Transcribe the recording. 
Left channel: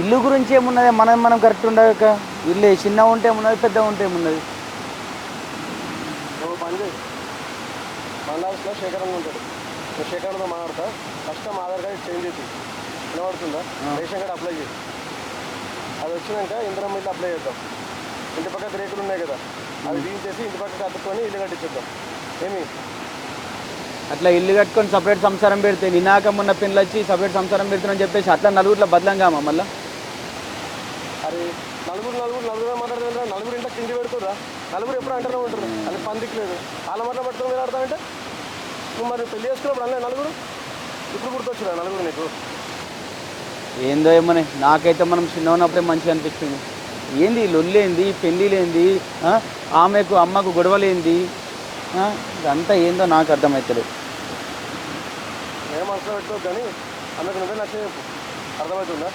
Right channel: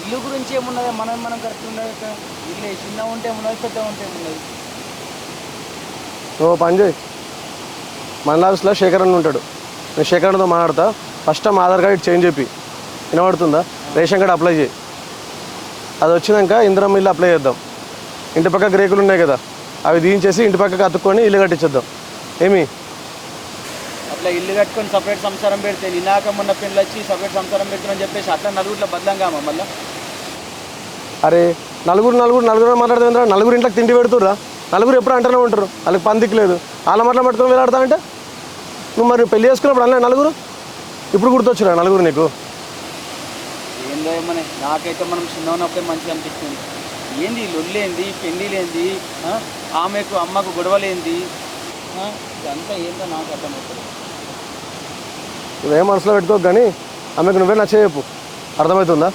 ఇల్లు గురించి ఏమున్నది, మనం కరెక్ట్ ఉండక ఇల్లు చిన్నగా ఉంటే ఏమున్నది, పెద్దగా ఉంటే ఏమున్నది. నువ్వు పని చేయి, మన ఆఫీస్లో శేఖర్ అని ఉంటాడు. నేను శేఖర్తో మాట్లాడతా. First time Aadhaar card change చెప్పి వినబడుతుందా, రేషన్ కార్డు అప్లై చేయి. అది వచ్చినాక ఇందిరమ్మ ఇల్లు అప్లై చేద్దాం. ఇంటి పక్కకు రేకులు ఉన్నాయి కదా, అవి తీయించేసి ఇంటి పక్కకు అతుక్కొని ఇల్లు కట్టించేద్దాం. ఏమి అట్లా ఇల్లు కట్టుకొని సపరేట్ సంసారం పెడితే నినాక మొన్న పిల్లలు వచ్చి సపరేట్ సంసారం పెడుతుందని చెప్పేసి అట్లా నలుగురిలో బదలంగామా మళ్ళీ. అరే నలుగురు మాట్లాడుతుందా? నలుగురు ఇంట్లోకి తిండి పెడుతుర్రా? నలుగురు ఎప్పుడు అంటూనే ఉంటారు, వాళ్ళకి పందికి లేదు. వాళ్ళ మాటలు పట్టుకొని వెళ్ళాడతానంటే నువ్వు మరి పెళ్లి చేసుకున్నప్పుడు అలా నలుగురు ఇప్పుడు గుర్తొచ్చురా నలుగురు నీకు? ఏందో ఏమని నాకైతే మనం చిన్న ఉన్నప్పుడే మంచిగా అనిపించింది. ఏంది లొల్లేంది, పెళ్ళిలేంది, అమ్మకు గొడవలేంది, ఇదంతా ఏందో నాకు అర్థమవుతుంది. నువ్వేం మనసులో పెట్టుకోకు కానీ ఆమెకు నువ్వే నచ్చ చెప్పు, అర్థమవుతుందా?